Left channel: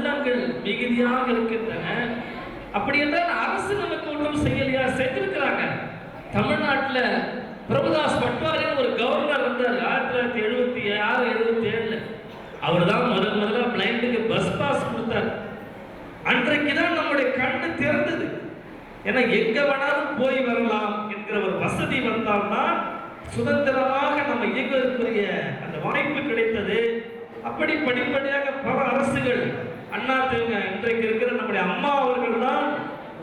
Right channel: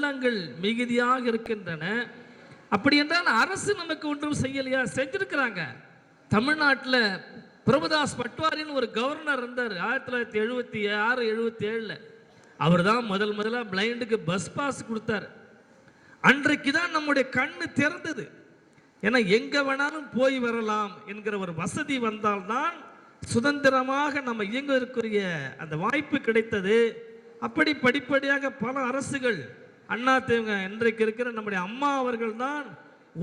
உள்ளங்கள் மிகுதியாக இருக்கின்றன. அப்படி என்றால் அரசு நமக்கு ஒன்றும் செய்யலையா? செய்திருக்கிறாங்க. தமிழ்நாட்டில் பிரபுதாஸ் பட்வாரின்னு ஒரு கவர்னர் இருந்தார் 1976-77. அவர் தான் முதல்ல பிளைண்டுக்கு பஸ் பாஸ் கொடுத்தார். அன்றைக்கு தான் நம்முடைய கண்ணு திறந்தது. ஏன்னா எங்க வேணாலும் போய் வரலாம் என்கிற ஒரு வசதி வந்தால்தான் சுதந்திரமாக நம்ம இயங்குவதற்குரிய அந்த வாய்ப்பு கிடைத்தது. அப்படி படிப்படியாக பல அரசுகள் அண்ணா திமுக இன்றைக்கு இருக்கிற நம்முடைய அம்மா அவர்கள் தான்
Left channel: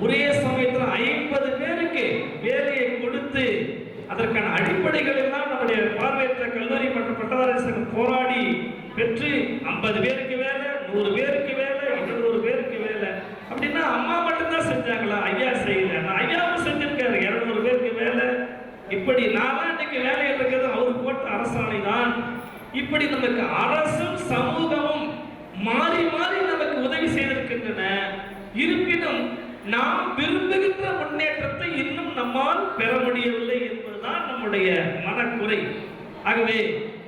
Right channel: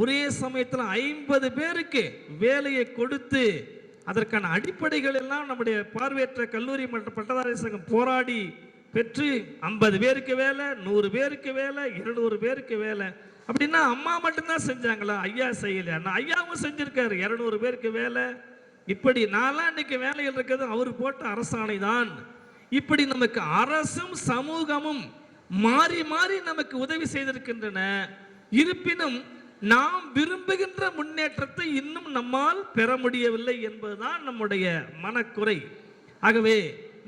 ஒரே சமயத்தில் 50 பேருக்கு வேலையை கொடுத்து அதற்கான அடிப்படைகள் எல்லாம் நம்முடைய பார்வையற்ற கல்லூரி மற்றும் பட்டதாரி சங்கம் போராடி பெற்று 50 பேருக்கு வேலை, 100 பேருக்கு வேலை, 200 பேருக்கு வேலை. அப்படின்னா அம்மா மட்டும்தான் செஞ்சாங்களா? ஐயா செய்யல. ஐயாவும் செஞ்சிருக்காரு 200 பேருக்கு வேலை. இப்படி நாளாண்டுக்கு வேலை இருக்கிறது அவர் போட்ட அரசாணை தான். இப்படி நமக்கு அரசும் சமூகமும் மாறி மாறி நமக்கு உதவி செய்திருக்கின்றன. இருப்பினும் நாம் விரும்புகின்ற முன்னேற்றத்தை இன்னும் நம்மால் பெற முடியவில்லை என்பதுதான் நம்முடைய மனக்குறை. ஆகவே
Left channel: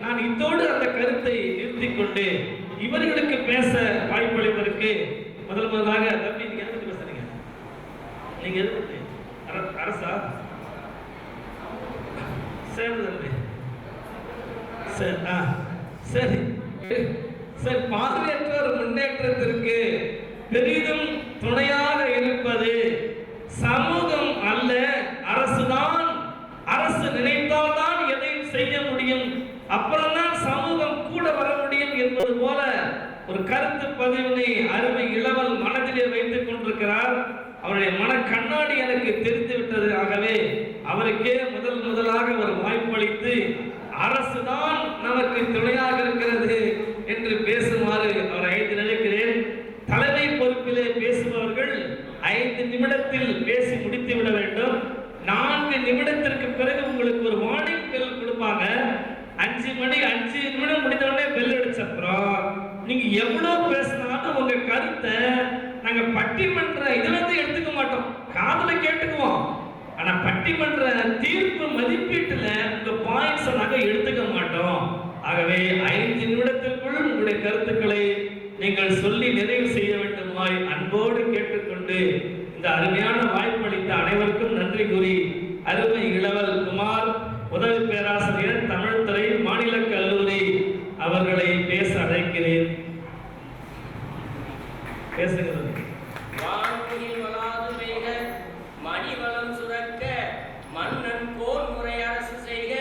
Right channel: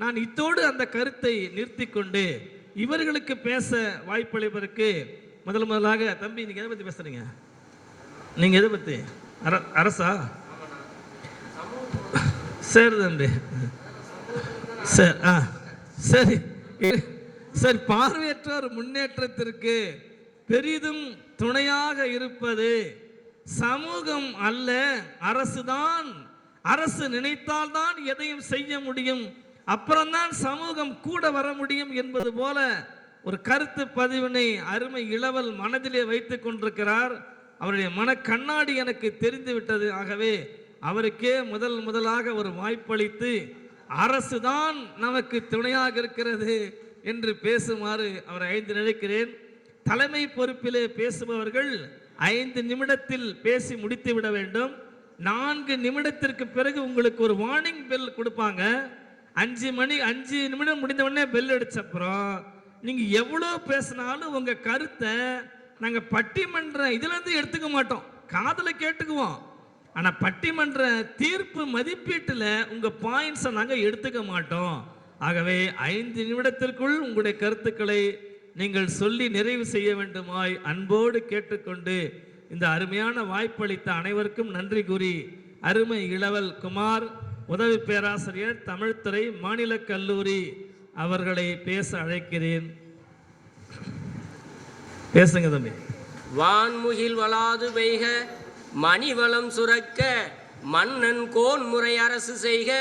நான் இதோடு அந்த கருத்தை நிறுத்திக் கொண்டு இவர்களுக்கு பேச வாய்ப்பளிப்பதற்கு முதலாக தம்பி, நீங்க எதை பத்தி பேசுறீங்க? நீங்க எதை பத்தி? அரசா? சரி தம்பி, சரி சரி சரி. பார்வையற்றோர் முன்னேற்றத்திற்கு பெரிதும் துணையாக இருப்பது சமூகம் அல்ல, அரசுதான். அரசு நினைத்தால்தான் எதையும் செய்ய முடியும், அப்புறம்தான் சமூகம் கூட வர முடியும் என்பது போல ஒரு கருத்து பதிவினை அருமை இளவல் மனதிலே வைத்துக் கொண்டிருக்கிறார். அவருடைய மன கண்ணாடி எனக்கு தெரிந்து விட்டது. ஆகவே அவருக்கே முதலாக ஒரு வாய்ப்பளித்து அரசுதான் நமக்கு துணையாக இருக்கிறது என்று பேசுமாறு அவரை நினைக்கிறேன். தலைமை பொறுப்பிலே பேசுபவர்கள் 5 நிமிடத்தில் பேசி முடித்து விட வேண்டும். 4 நிமிடத்திற்கு பிறகு உங்களுக்கு ஒரு வார்னிங் பெல் கொடுப்பாங்க. 5 நிமிடம் முடிந்த உடனே பெல் அடிச்ச அப்புறம் நீங்க எவ்வளவு பேசினாலும் உங்க கருத்தை நாங்க பட்டிமன்ற இதுல இருந்து எடுத்துக்க மாட்டோம், காதுல கேட்டுக்குவோம். ஆனா பட்டிமன்ற தீர்ப்பு மதிப்பீட்டுல உங்க பாயிண்ட்ஸ் நாங்க எடுத்துக்க மாட்டோம். ஆகவே 5 நிமிடத்திற்குள் உங்களுடைய கருத்துக்களை நீங்கள் சொல்லி நிறைவு செய்ய வேண்டுமாய் அன்போடு கேட்டுக்கொண்டு இந்த அருமையான வாய்ப்பளித்த அனைவருக்கும் நன்றி கூறி அருமை இளவல் குமார் உதவி பேராசிரியர் தமிழ்துறை மாநில கல்லூரி அவர்களை பேச அழைக்கிறேன். பேசுங்க தம்பி. வான்முகில் வளாது பெய்க, மணிவளம் சுரக்க, மன்னன் கோன் முறை அரசு செய்க,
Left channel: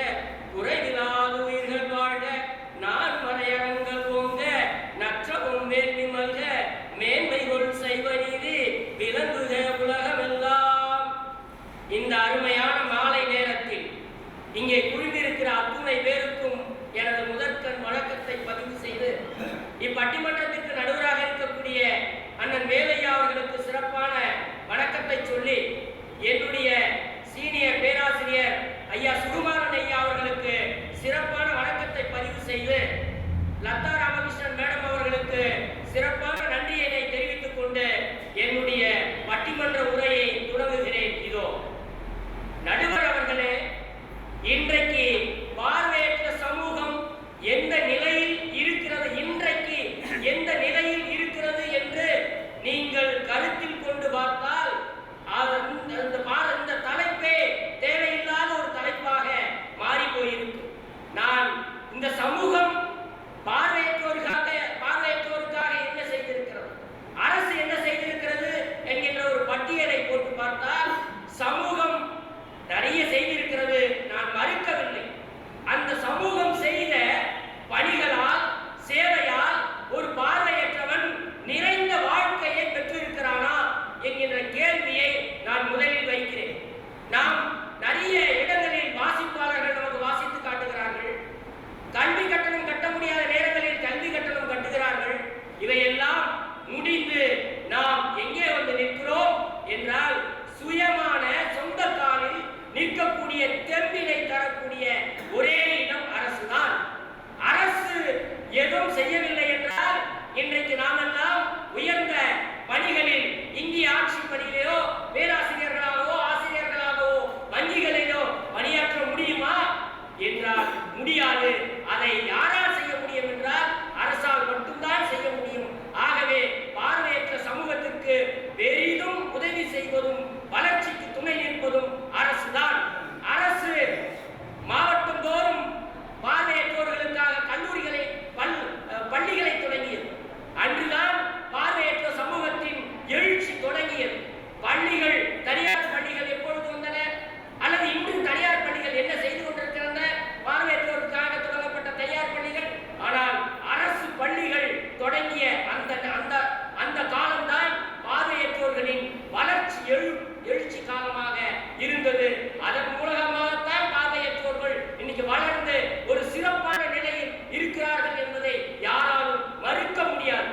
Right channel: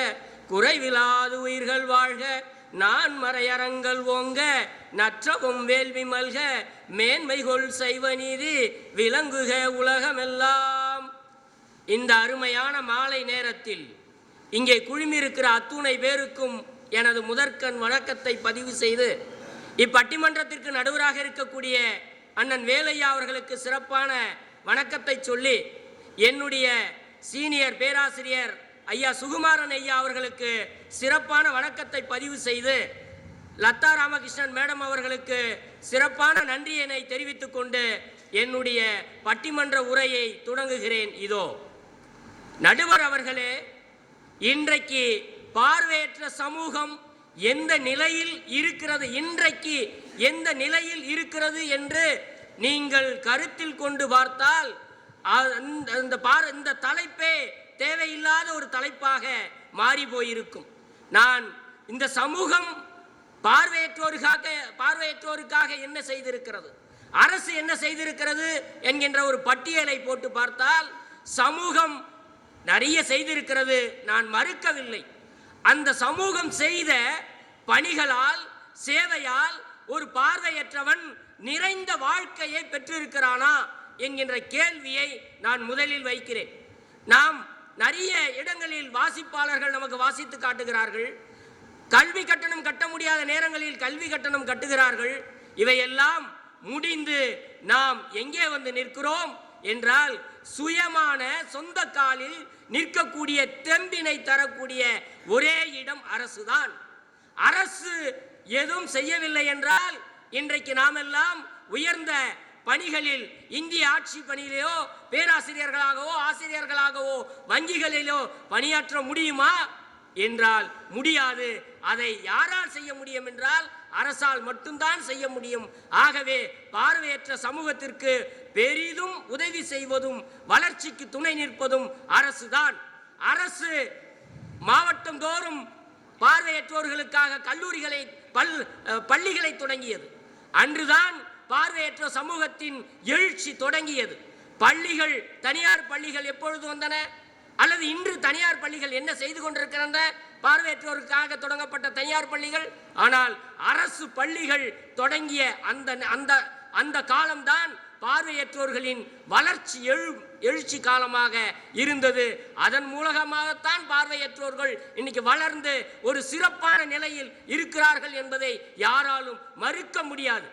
குறைவிலாது உயிர்கள் வாழ்க, நான் மறையரங்கள் ஓங்க, நற்றவும் வேள்வி மல்க, மேன்மைகொள் செய்வ நீதி விளங்குக உலகமெல்லாம். இந்த அருமையான மாலை நேரத்தில் இங்கே குழுமியிருக்கிற அத்துணை பேருக்கும் எனது முதற்கண் வணக்கத்தை பதிவு செய்து இப்பட்டிமன்றத்திற்கு நடுவராக இருக்கக்கூடிய அண்ணன் வேலையா அவர்களுக்கு சிறப்பான வணக்கத்தை சொல்லி என்னுடைய சீனியர் பேராசிரியர் ஐயா சுகுமாரன் ஐயா அவர்களுக்கு சிறப்பான வணக்கத்தை பதிவு செய்து லதா ராமகிருஷ்ணன் மேடம் அவர்களுக்கு சிறப்பான நன்றியினை தெரிவித்துக் கொண்டு என்னுடைய பட்டிமன்ற உரையை தொடங்குகிறேன். இதோ நடுவர் அவர்களே, இன்றைக்கு பார்வையற்ற சமூகம் எந்த நிலையில் இருக்கிறது, இன்றைக்கு எந்த நிலையில் இருக்கிறது என்று நீங்கள் கருத்தில் கொண்டு பார்த்தால் இந்த தலைப்பே தேவையில்லாத ஒரு தலைப்பாக மாறி போயிருக்கும். நான் இந்த சமூகம் பார்வையற்றோருக்காக என்ன செய்திருக்கிறது, அரசு என்ன செய்திருக்கிறது என்கின்ற ஒரு பட்டியலை போட்டு பார்த்தால் சமூகம் நிறைய செய்திருக்கிறது, நான் மறுக்கவில்லை. அந்த சமூகம் செய்த பணிகளால் சேவையால் ஒரு பார்வையற்றவன் நிறைந்த வாழ்க்கையை பெற்றிருக்கிறானா என்கின்ற கேள்வியை நான் முதலில் வைக்கிறேன். நாம் நிறைய இடங்களில் வாசிப்பாளர்கள் நமக்கு வாசித்து காட்டுகிறார்கள், கல்வி கட்டணம் கட்ட முடியாத நேரங்களில் கல்வி கட்டணம் கட்டுகிறார்கள். இவையெல்லாம் முடிந்து நாம் எங்கே வந்து நிற்கிறோம் என்றால் சுயமான சொந்த காலில் நிற்கக்கூடிய தெம்பினை தரக்கூடிய ஒரே இடம் அரசுதான். அரசு எதுவும் செய்யவில்லை என்றால் இன்றைக்கு நாம் எல்லாம் உயர்ந்த பணிகளில் இந்திய ஆட்சி பணியிலோ பேராசிரியர்களாகவோ ஆசிரியர்களாகவோ வங்கிகளிலோ பணியாற்ற முடியுமா என்றால் முடியாது. அதை யாரால் செய்ய முடியும் என்றால் அரசால் மட்டும்தான் செய்ய முடியும். ஆகவே தொடங்கியது. பள்ளிகள், தனியார் பள்ளிகள் எப்பொழுது வந்தன, அல்லது இன்று தனியார் பள்ளிகள் என்ன செய்து கொண்டிருக்கின்றன? பார்வையற்றோருக்காக தொடங்கப்பட்ட தனியார் பள்ளிகள். ஆனால் அரசு பள்ளிகள் தொடங்கிய அந்த காலம்தான் பார்வையற்றோர்களின் வளர்ச்சி எழுச்சி காலமாக இருந்தது. அதன் மூலமாகத்தான் பார்வையற்றோர்கள் இன்னைக்கு வளர்ந்து ஒரு சிறப்பான நிலையில் இருக்கிறார்கள் என்பதை யாராலும் மறுக்க முடியாது.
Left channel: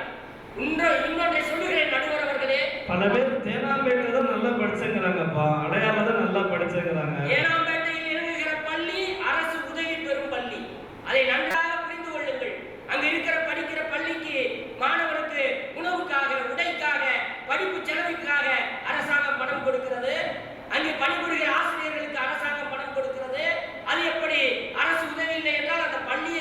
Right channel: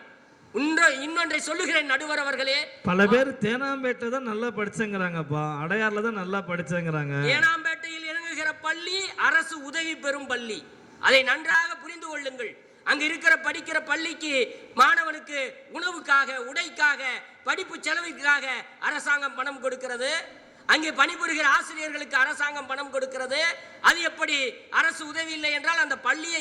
இன்னொன்றை சொல்லுகிறேன் நடுவர் அவர்களே, பல பேர் தேனாம்பேட்டை தான் நல்லா படிச்சுக்கிறாங்கப்பா, அடையாள தான் நல்லா படிச்சுக்கிறாங்க. தேனாம்பேட்டையில் இயங்குகிற பள்ளி அரசு உதவி பெறும் பள்ளி, அதை நன்றாக புரிந்து கொள்ளுங்கள். அங்க இருக்கிற படிக்கிற பள்ளிக்கு மாணவனுக்கு உணவுக்காக, உடைக்காக, படிப்பு செலவுக்காக அரசாங்கம் பணம் கொடுக்கிறது. அங்கே பணிபுரிகிற ஆசிரியர்களுக்கு அரசாங்கம் பணம் கொடுக்கிறது. அது எப்படி அரசு உதவி இல்லை என்றால் அந்த பள்ளியை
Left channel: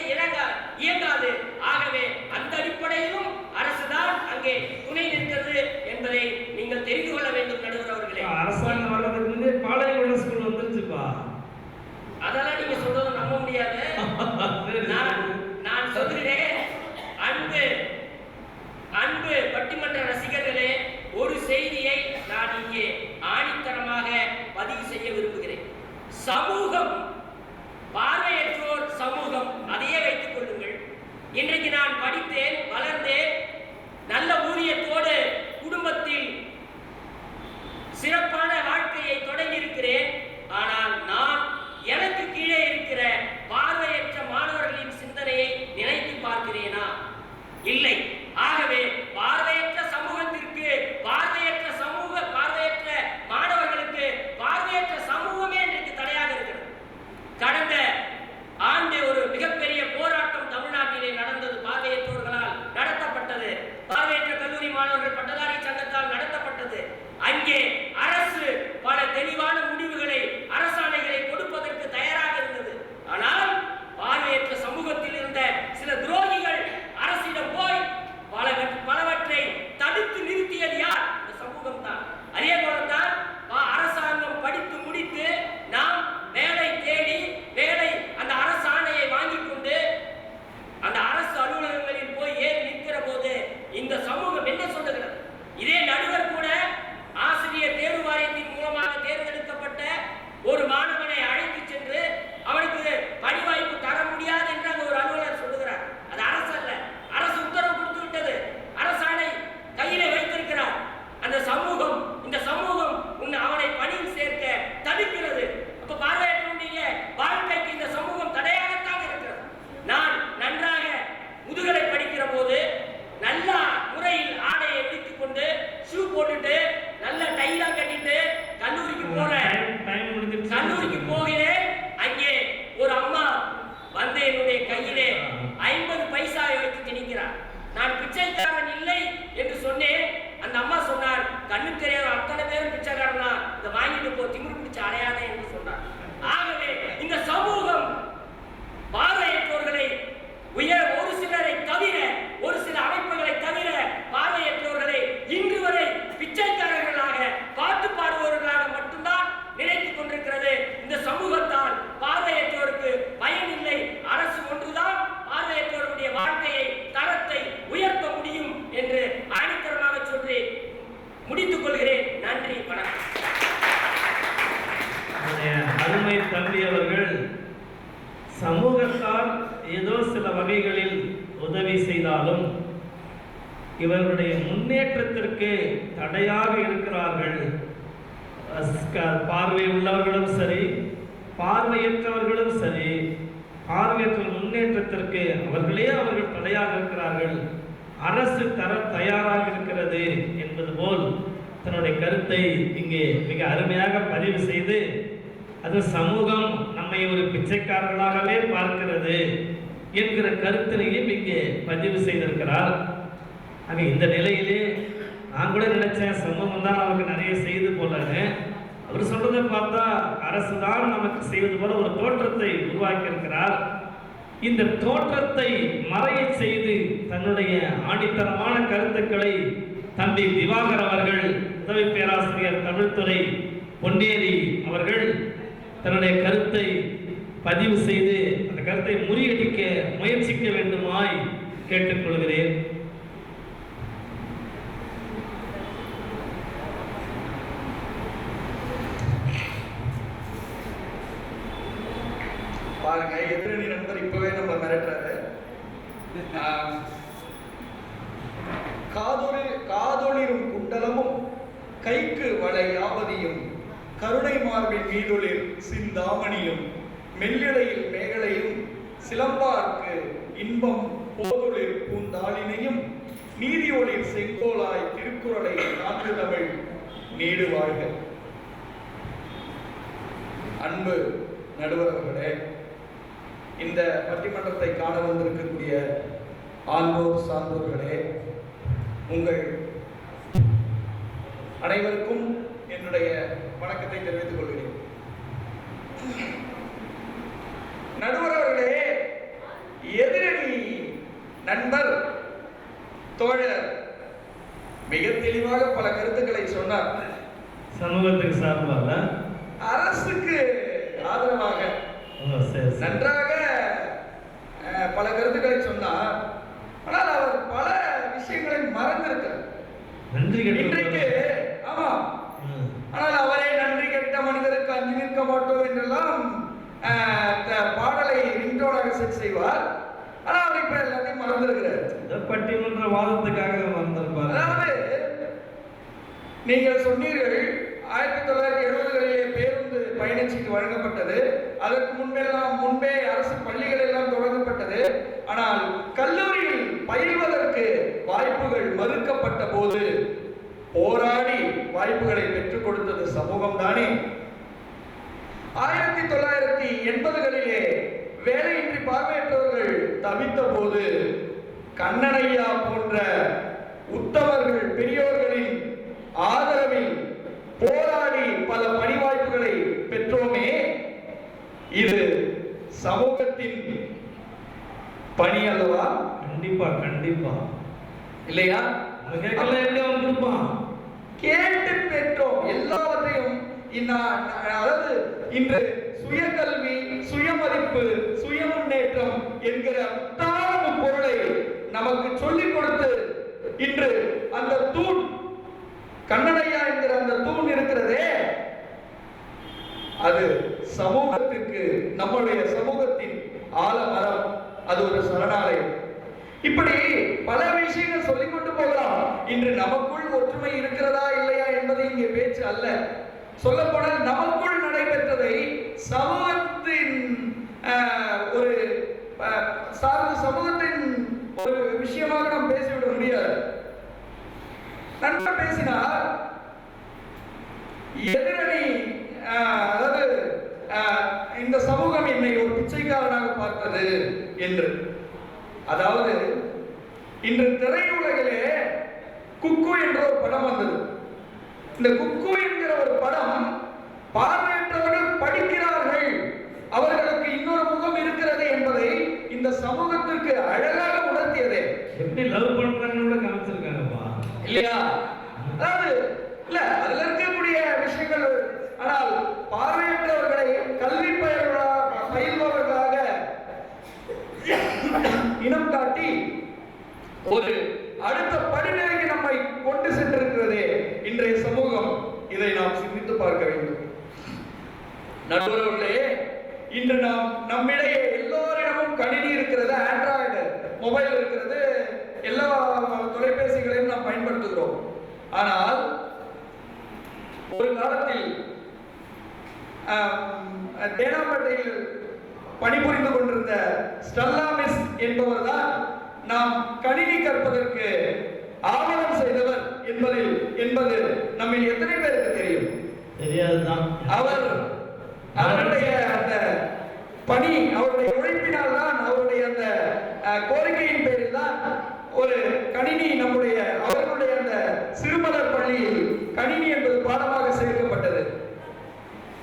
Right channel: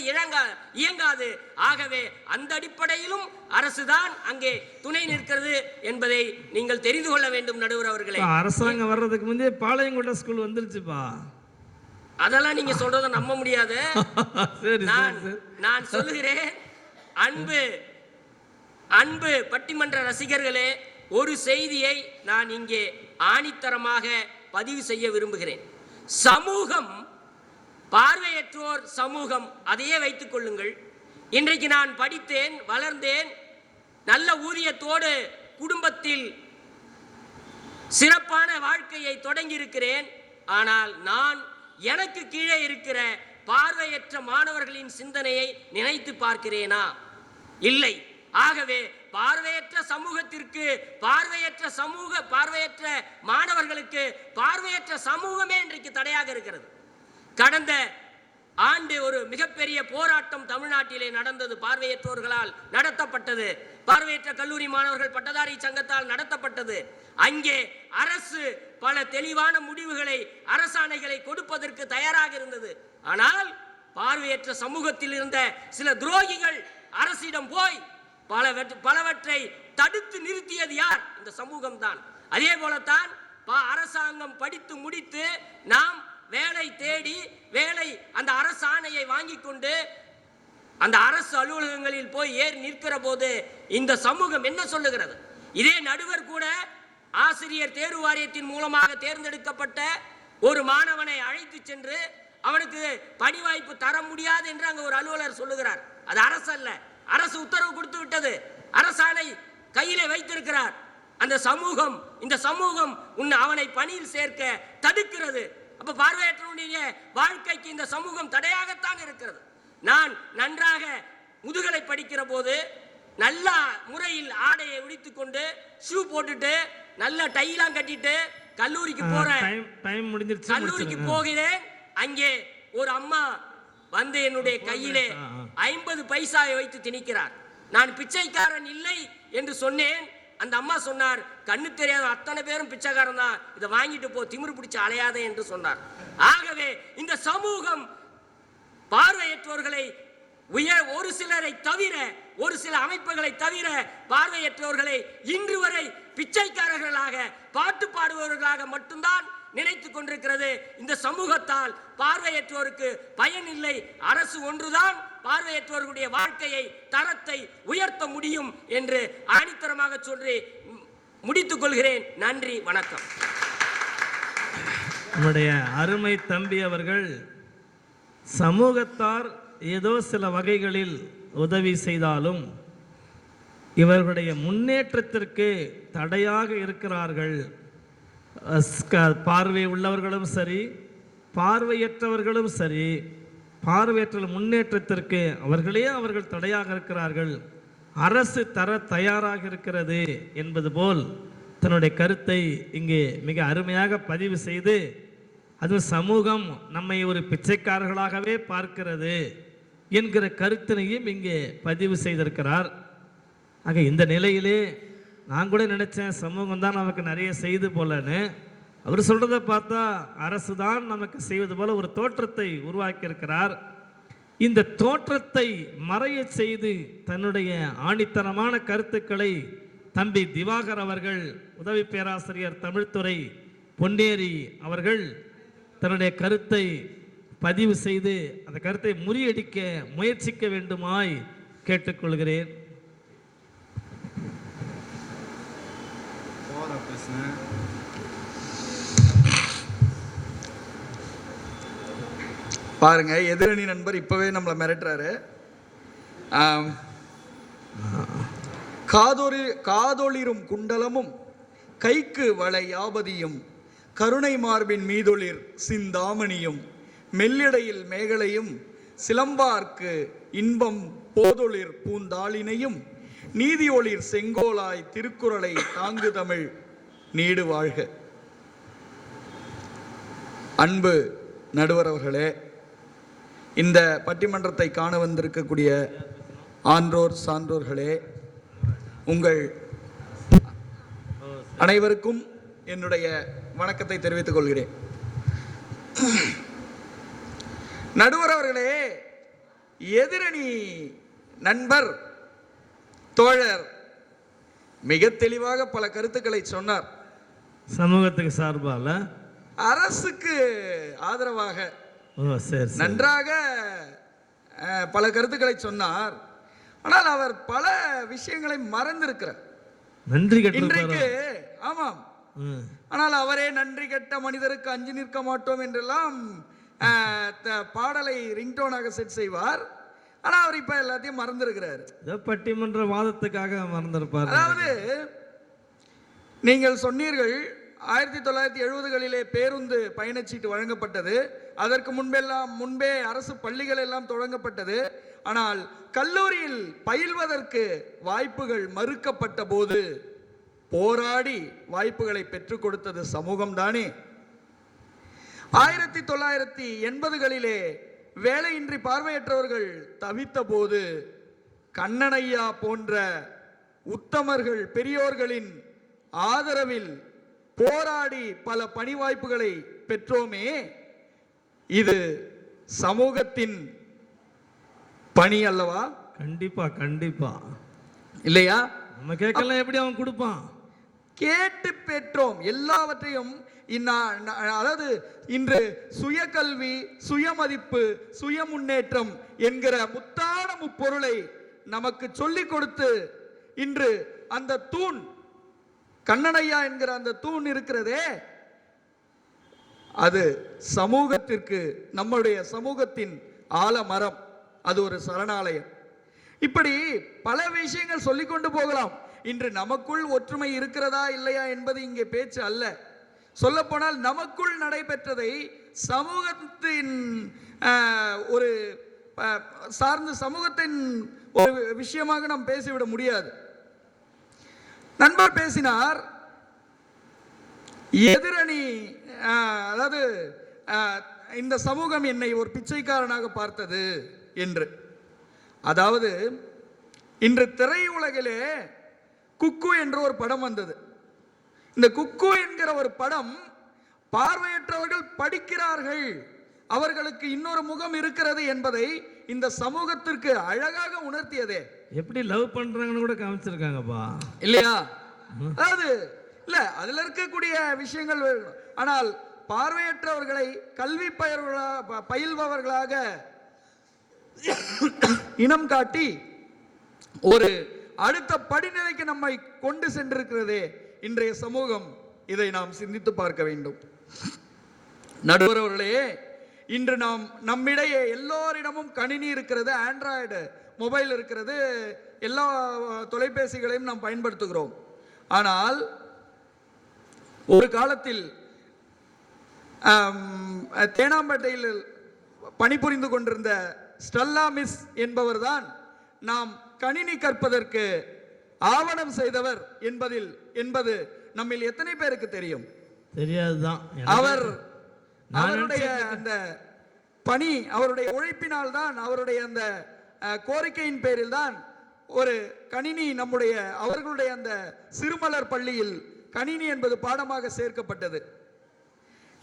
இயங்காது. ஆகவே அந்த அடிப்படையிலும் அரசுதான் அங்கே துணை நிற்கிறது என்பதை நீங்கள் தெரிந்து கொள்ள வேண்டும் நடுவர் அவர்களே. அரசாங்கம் வர்றதுக்கு முன்னே பாளையங்கோட்டை ஸ்கூல் வந்துருச்சுப்பா. அதெல்லாம் நீங்க சொல்றதை நம்ப முடியாது. நான் சொல்கிறேன், அன்பு பட்டிமன்ற ரசிகர்களே, ஒரு செய்தியை நான் இங்கே ஆணித்தரமாக பதிவு செய்ய விரும்புகிறேன். சமூகம், பார்வையற்றோர் சமூகம், அதையே வைத்துக் கொள்ளுங்கள். இன்றைக்கு நான் படித்தேன், வளர்ந்தேன், நல்ல ஊதியத்தோடு குடும்பத்தில் சிறப்பான வாழ்க்கையை தொடங்கி இருக்கிறேன். ஆனால் நான் எனக்கு கீழே இருக்கிற பார்வையற்ற மாணவர்களின் சிந்தனையை நினைத்து பார்க்கிறேனா? இல்லை. ஆகவே பார்வையற்ற சமூகத்திற்கு, பார்வையற்ற மாணவர்களுக்கு பார்வையற்ற சமூகமே இன்றைக்கு தடையாக இருக்கிறது. கடந்த ஆண்டு ஒரு மிகப்பெரிய போராட்டம் தமிழ்நாட்டிலே நடந்தது. பார்வையற்றோர்களால் நடத்தப்பட்டது. பார்வையற்ற கல்லூரி மாணவர்கள் பட்டதாரி சங்கத்தால் நடத்தப்பட்டது. அங்கே அரசு பல தெளிவான முடிவுகளை, அரசாணைகளை கொடுப்பதற்கு தயாராக இருந்தது. ஆனால் பார்வையற்ற சமூகத்தில் இருந்த சில துரோகிகள் அரசிடம் போய் பலவற்றை தடுத்து நிறுத்தியது யார்? இந்த சமூகம் தான். அதே போலத்தான் அரசாங்கம் படித்து முடித்து நாம் வேலை தேடி அந்த அரசு ஆணையை வாங்கி கொண்டு அந்த அரசு அலுவலகங்களில் போய் ஏறி நிற்கிற போது இந்த சமூகம் என்ன சொல்லுகிறது? இதே நடுவர் கூட ஆசிரியர் தேர்வு வாரியத்தின் மூலமாக தேர்ந்தெடுக்கப்பட்ட ஒரு மாணவனை அழைத்து சென்று அவனுக்கு பணி வாய்ப்பு தர முடியாது என்று அங்கு ஒரு அலுவலர் சொல்லுகிறார். அது அரசு அல்ல, அரசு உத்தரவு கொடுத்து விட்டது, அரசாணை கையிலே வைத்திருக்கிறார். அந்த சமூகம், இந்த சமூகம் அவனை பணியில் சேர்க்க தடுக்கிறது. அப்ப பார்வையற்றவனுடைய வாழ்க்கைக்கு இந்த சமூகம் தடையாகத்தான் இருக்கிறது. நான் நன்றாக முதுகலை படிக்கிற போது நல்ல முறையில் ஆடையை எடுத்துக் கொண்டு ஷூ போட்டுட்டு நல்ல டைலாம் கட்டிட்டு கல்லூரிக்கு போகிறேன். அங்கே ஒரு அம்மா வந்து என்னுடைய கையிலே 50 பைசாவை வைத்து திணிக்கிறார். நான் பிச்சைக்காரன் இல்லை என்று சொன்னேன். அந்த அம்மா சொன்னார், கண்ணு தெரியாத அத்தனை பேரும் பிச்சைக்காரன் தான், இதை வாங்கிட்டு போ, திமிரு பிடிச்சு அலையாத என்று சொன்னார். ஆகவே இந்த சமூகம் பார்வையற்றோர்களை ஒரு சிலரை தவிர, ஒரு சில அமைப்புகளை தவிர பார்வையற்றோர்களை இன்று வரை பிச்சைக்காரர்களாக, பாட்டு பாடுபவர்களாக மட்டும்தான் நினைத்துக் கொண்டிருக்கிறது. இந்த சமூகத்தால் பார்வையற்றோருக்கு பயன் இல்லை. அரசு ஒன்றுதான் பார்வையற்றோருடைய வாழ்க்கையை, தரத்தை உயர்த்த முடியும் என்று ஆணித்தரமாக சொல்லி முடித்துக் கொள்கிறேன். நன்றி, வணக்கம். என்னுடைய அருமை தம்பி அவர்கள் சமூகத்தால் ஏதோ சில வகைகளில் உதவி செய்தாலும் இவர்களுடைய முன்னேற்றத்திற்கு தடையாக இருக்கிறார்கள். பார்வை உள்ளவர்களும் சரி, பார்வையற்றவர்களும் சரி, பார்வையற்ற முன்னேற்றத்திற்கு அவர்கள் தடையாக இருக்கிறார்கள். அரசு தர தயாராக இருக்கிறது என்பது போல் தன்னுடைய கருத்தை இங்கே மிக அருமையாக பதிவு செய்து, அது சமூகம் நம்மை ஒரு பிச்சைக்காரர்களாகவே பார்க்கிறது என்கிற கருத்தினையும் இங்கே பதிவு செய்திருக்கிறார். ஆக இந்த நிலையிலே நான் கூட நினைச்சேன் சமூகம் தான் நமக்கு நிறைய செய்து போலன்னு. அவர் சொல்றதை பார்த்தா அரசு தான் நமக்கு செய்வது போல ஒரு தோற்றத்தை உருவாக்கி இருக்கிறார். இந்த தோற்றத்தை மறைய செய்து தன்னுடைய ஆணித்தரமான கருத்துக்களை தம்பி திவாகர் அவர்கள், உதவி பேராசிரியர் தமிழ்துறை பொன்னேரி அவர்கள் தன்னுடைய கருத்தை பதிவு செய்து அந்த கருத்தை முறியடிக்க முயற்சிக்க வேண்டுமாய் கேட்டுக்கொள்கிறேன். பாருங்க, எதிரணி நண்பர் இப்பவே நம்மளை மிரட்டுறாரு. காதொளிரும் குண்டலமும் கைக்கு வளை யாவதியும் கருணை மார்பின் மீதொளிர் சிந்தாமணியும் மெல்லிடையில் மேகலையும் சிலம்பார்க்கு இன்பம் போதொளிர் பூந்தாளினையும் நீதி ஒளிர் செங்கோலாய் திருக்குறளை நான்கு தமிழ் நீடு வாழ்க. அன்பு நடுவர் அவர்களே, இந்த பட்டிமன்றத்தை காண வந்திருக்கக்கூடிய ஆன்றோர் சான்றோர்களே, உங்கள் அனைவருக்கும் என்னுடைய வணக்கத்தை தெரிவித்துக் கொள்கிறேன். நடுவர் அவர்களே, எதிரணி நண்பர் தோழர் மிக தெளிவாக பல கருத்துக்களை சொன்னார். சமூகத்துக்கு சார்பாக, அரசுக்கு ஆதரவாக நன்றாக பல கருத்துக்களை சொன்னார். ஆனால் அவர் பல விஷயங்களை மறந்திருக்கிறார். இன்றைக்கு ஆமா, ஆனால் அவரே நன்றி கெட்ட மனிதருக்கு அஞ்சு நிற்க மாட்டோம் என்றெல்லாம் பாடலை ரிங்டோனாக செட் செய்வார். ஆனா அவர் இப்ப எல்லாத்தையும் மறந்திருக்கிறார். பட்டிமன்ற வாதத்துக்காக மறந்திருப்பார். அதாவது நீங்கள் சொன்னீர்கள் 1970களிலே பேருந்து பயணச்சீட்டு வழங்கப்பட்டது. அதற்கு முன்பே அரசு பள்ளிகள் எல்லாம் தொடங்கப்பட்டது. ஆனால் கல்லூரியில் பயில்வதற்கு வாய்ப்புகள் மறுக்கப்பட்ட போது போராடி வாய்ப்புகளை பெற்றுக் கொடுத்தது சமூகம் தானே. 1980களிலே வேலையின்றி பார்வையற்றவர்கள் தவித்த போது கண்ணனையா போன்ற உத்தமர்கள் பெரியோர்களின் ஆதரவில் போராடி பல பணி வாய்ப்புகளை பெற்றோமே. இது சமூகத்தின் பணி அல்லவா? கண்டிப்பா கண்டிப்பா. இல்லையா? கேட்கல எப்படி அவன் கொடுப்பான்? கேட்டு பெற்றோம் எல்லாவற்றையும். அதாவது இன்று சுயகல்வி, சுயமதிப்பு, சுய முன்னேற்றம் என்கிற முத்தான பொருளை நமக்கு சொல்லிக் கொடுத்து இன்று அந்த தூண் கண்ணனையா என்கிற அந்த தூண் இருக்கிறதே, அது சமூகத்துக்கு, நம்முடைய சமூகத்தின் ஆலமரம். அது ஒரு சரணாலயம். இப்படி பல விஷயங்கள் சொல்லிக் கொண்டு போகலாம். இன்று நமக்குள் ஒற்றுமை இருக்கிறதா இல்லையா என்பது இங்கே பேச்சு அல்ல. சொல்லப்போனால் நமக்குள் நடைபெற்றதை சமூகத்தின் ஒரு சார்ந்த சமூகத்தின் ஒரு விஷயமாக நாம் பேசிவிட முடியாது. நண்பர் பேசினார், எதிரணி அதாவது இந்த சமூகம் என்னை ஒரு பிச்சைக்காரனாக பார்த்தது என்று. அதாவது இன்று திரையுலகிலே குக்கு என்ற ஒரு படம் வந்தது. இந்த குக்கு என்கிற ஒரு படம் பார்வையற்றவர்கள் படிக்கிறார்கள், அவர்களுக்கு இன்னொரு முகம் இருக்கிறது என்பதை இந்த சமூகத்திற்கு அழகாக உணர்த்தியதே. எப்படி லவ் பண்றாங்களோட காமிச்சிருக்காங்கப்பா, இல்லையா? அதாவது இல்ல, அதுல இருக்கக்கூடிய விஷயங்கள். ஆனால் பார்வையற்றவர்களை கல்வி பயில்பவர்களாக இனம் காட்டி ஒரு அடுத்த படிநிலைக்கு நம்மை கொண்டு சென்றிருக்கிறதே இன்றைய சமூகம். இதை நாம் சிந்தித்து பார்க்க வேண்டும். நடுவர்களே, இன்று நாம் நம்மிடையே எல்லோரிடமும் கணினி இருக்கிறது, ஆண்ட்ராய்டு மொபைல் இருக்கிறது, எல்லா தொலைபேசிகளையும் நாம் பயன்படுத்துகிறோம். ஆனால் ஒரு காலத்தில் தேனாம்பேட்டையில் பணிபுரிந்து கொண்டிருந்த ஸ்டெல்லா மிஸ் என்பவர் தான் நாம் கணினி கற்பதற்கு ஆவணம் செய்தவர் என்பது நம்மில் எத்தனை பேருக்கு தெரியும்? தெரியாதுதான். அவருடைய அந்த பணி, அவருடைய உழைப்பினால் தான், அவருடைய அந்த கோரிக்கையின் பேரில் தான் ஒரு கணினி அவர்களுடைய அந்த சிறுமலர் பள்ளியில் கணினி என்பது பாடமாக சேர்க்கப்பட்டது.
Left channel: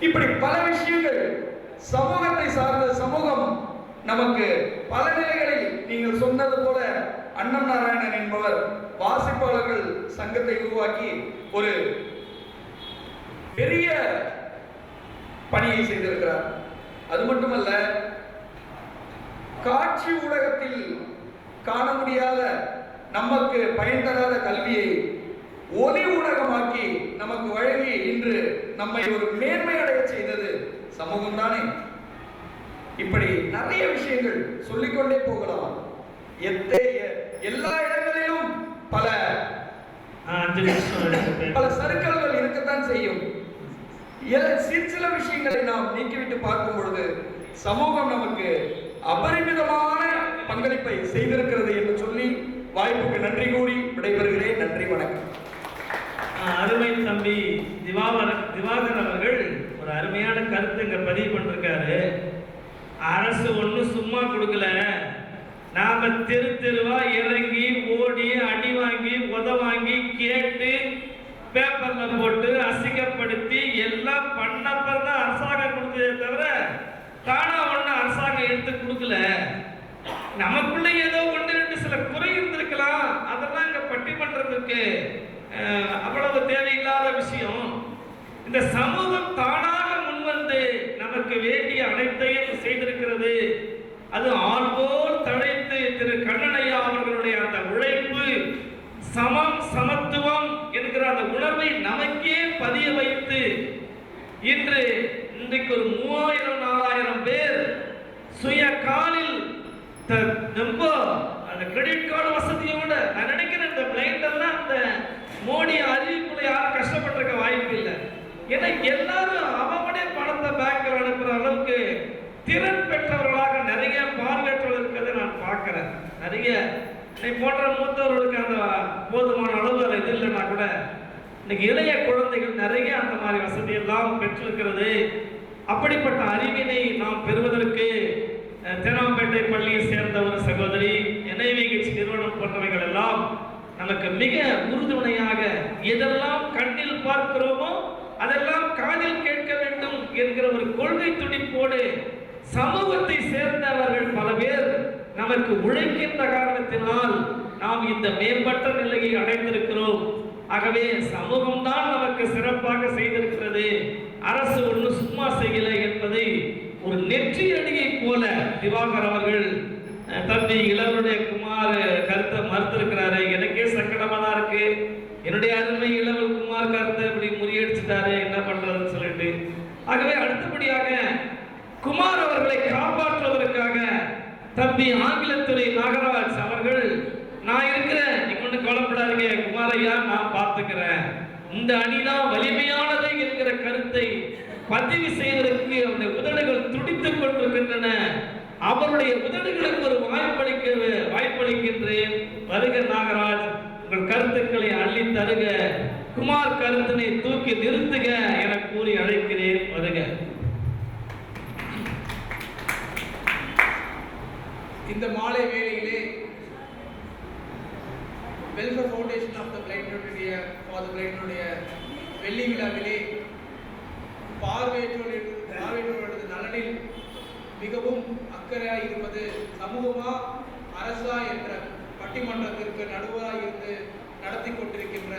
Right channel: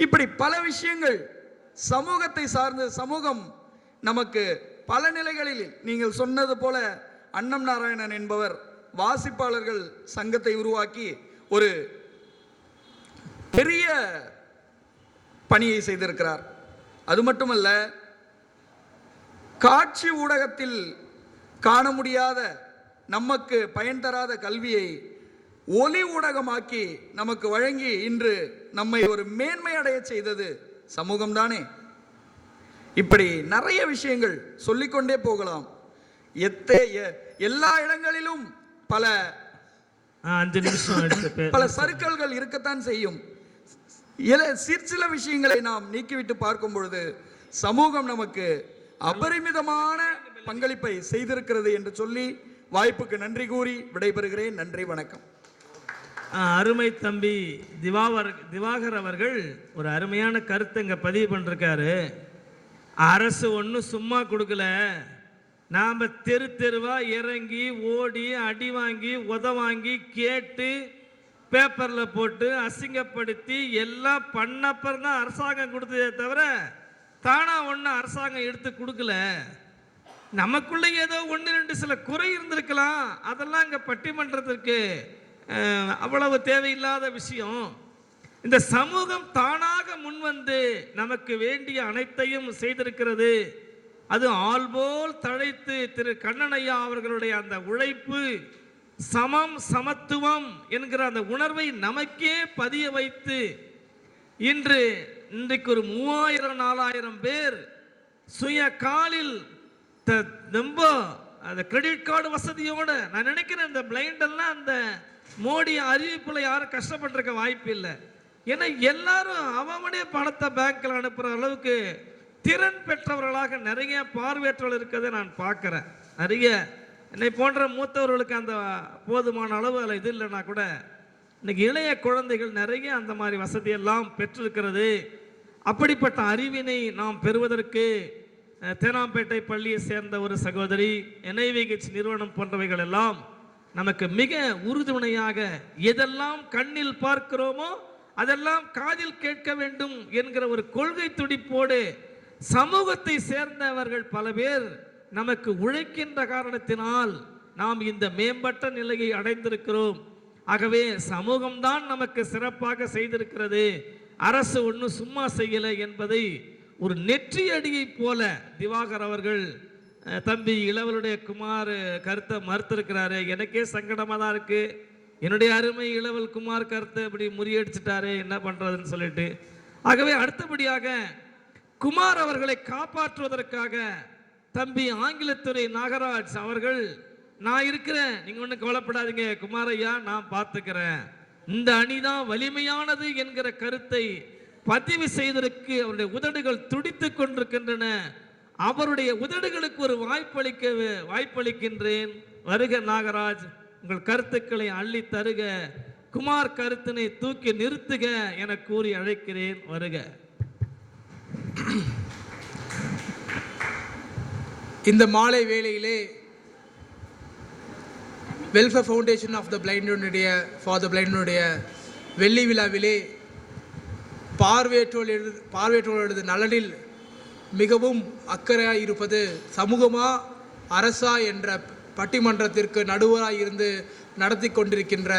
இப்படி பல விஷயங்கள் சமூகத்தை சார்ந்த சமூகம் நமக்கு பல நிலைகளில், நீங்கள் சொன்னது போல அன்னம் நாராயணன் என்பவர் வாசிப்பாளர்கள் சங்கத்தை உருவாக்கி ஒரு பெரிய பணியை செய்திருக்கிறார். அது மட்டுமல்ல, காட்சி ஊடகத்தில் காண முடியாத, நமக்கு பயன் தராத கல்வியை ஒலி ஊடகமாக்கி நமக்கு வழங்கி இன்று நம்மை ஒரு மேன்மை அடைய செய்தது சமூகம் தானே. இப்படி நிறைய விஷயங்கள் சொல்லிக்கொண்டே போகலாம். எல்லா இடங்களிலும் பல 5 நிமிஷம் எடுத்துட்டு பல சறுக்கல்கள் இருக்கத்தான் செய்யும். சிற்சில விஷயங்களை நாம் நீக்கிவிட்டு பார்க்கும் பொழுது சமூகம் நமக்கு அபரிமிதமான பங்களிப்பை செய்திருக்கிறது என்று சொல்லி வாய்ப்புக்கு நன்றி கூறி விடைபெறுகிறேன். நன்றி, வணக்கம். அருமை தம்பி திவாகர் அவர்கள் ஒரு அருமையான கருத்தை இங்க பதிவு பண்ணிருக்காரு. அரசு ஒன்றும் சும்மா கொடுக்கல, நாம தெரு தெருவா இறங்கி ஓடி அடி வாங்கி உத வாங்கி கேட்டு பேப்பர்ல போட்டு அசிங்கப்படுத்தி எல்லாம் பண்ணப்பறம் தான் அரசாங்கம் கொடுத்ததே தவிர தானா ஒண்ணு அரசாங்கம் எடுத்து கொடுக்கல. நமக்குள்ள ஏதோ 1-2 சில குறை இருந்திருக்கலாம், அதெல்லாம் இங்க பட்டிமன்றத்திற்கு அவ்வளவு தேவையில்லாத விஷயம். இந்த சமூகம் தானாக முன்வந்து நமக்கு வேண்டிய அனைத்தையும் செய்திருக்கிறது. அது ஆள்போல் தழைத்து திரு கண்ணனையா அவர்களுடைய அந்த உழைப்பு, சமம் சமத்துவம் என்கிற அந்த உணர்வை நமக்கே பதிய வைத்து இன்றைக்கு ஒரு 3000-4000 பேர் சுய காலில் ரொம்ப அந்த கிரெடிட் கார்டு வசதியோட, நான் நினைக்கிறேன் இந்த பிளைண்ட் எல்லாம் அந்த மோடி அறிவிப்புல யாரும் கஷ்டப்பட்டிருக்க வாய்ப்பு இல்லை. ஏன்னா எல்லாரும் அவனுடைய பணத்தை பேங்க்ல அனுப்புற அளவுக்கு திறன் பெற்றவர்களாக நிறைய பார்வையற்றவர்கள் இருக்கிறத நான் பார்க்கிறேன். நிறைய என்னை போன்ற மூத்தவர்களுக்கு அந்த போதுமான அளவு அது இது இல்லைன்னா கூட இன்னைக்கு இளைய குழந்தைகள் நிறைய அந்த மாதிரி வசதி எல்லாம் பெற்றிருக்கிறது. அப்படிப்பட்ட அறிவினை நாம் பெறுவதற்கு தேனாம்பேட்டை பள்ளியை சேர்ந்த ஒரு சகோதரி, NIVH நிறுவனம் போன்றவைகள் எல்லாம் நமக்கு மிக உறுதுணையாக எதெல்லாம் கண்ணில் பார்க்கிறோமோ அதெல்லாம் காதில் கேட்க வேண்டும் என்கிற ஒரு கொள்கை துடிப்போடு சமூகத்தை சேர்ந்தவர்கள் பல பேர் நமக்கு உழைக்கின்ற காரணத்தினால் நாம் இந்த மேம்பட்ட நிலையை அடைந்திருக்கிறோம். ஆகவே சமூகம் தான் நமக்கு சிறப்பாக செய்திருக்கிறது, அரசு ஒன்றும் சும்மா செய்யல என்பதை ஒரு நெற்றி அடியை போல திவாகர் அவர்கள் தம்பி இளவருடைய குமார் கருத்தை மறுத்திருக்கிறாரு. எனக்கே சங்கடமா தான் இருக்கு. என்னுடைய அருமை இளவல் குமார் கருத்தை இப்படி முறியடிச்சிட்டாரு, என்ன பண்றதுன்னு சொல்லிட்டு. ஆகவே அடுத்தபடியாக குமார் அவர்களை காப்பாற்றுவதற்காக தம்பி ஆங்கிலத்துறை நாகராஜ் அவர்கள், நான் இருக்கிறேன், நீங்க ஒண்ணு கவலைப்படாதீங்க குமாரையா, நான் பார்த்துக்கிறேன், இந்த அணிதான் வலிமையானது என்கிற கருத்தை பதிவு செய்வதற்கு அவருடைய உதடுகள் துடித்துக் கொண்டிருக்கின்றன. அவருடைய உதடுகளுக்கு ஒரு வாய்ப்பளிக்கின்றேன். வருக நாகராஜ், உங்கள் கருத்துக்களை அள்ளி தருக, குமார் கருத்தினை தூக்கி நிறுத்துக என கூறி அழைக்கிறேன். வருக. இந்த மாலை வேளையிலே வெல்ஃபேர் ஃபவுண்டேஷன் ஆஃப் த பிளைண்டுடைய வெள்ளி விழாவிலே பார்வையற்றோர்களது நலனில் மிகவும் அக்கறையாக இருப்பது சமூகமா அரசா என்ற பட்டிமன்றத்திற்கு நடுவராக இருந்து நடத்தி கொண்டிருக்கின்ற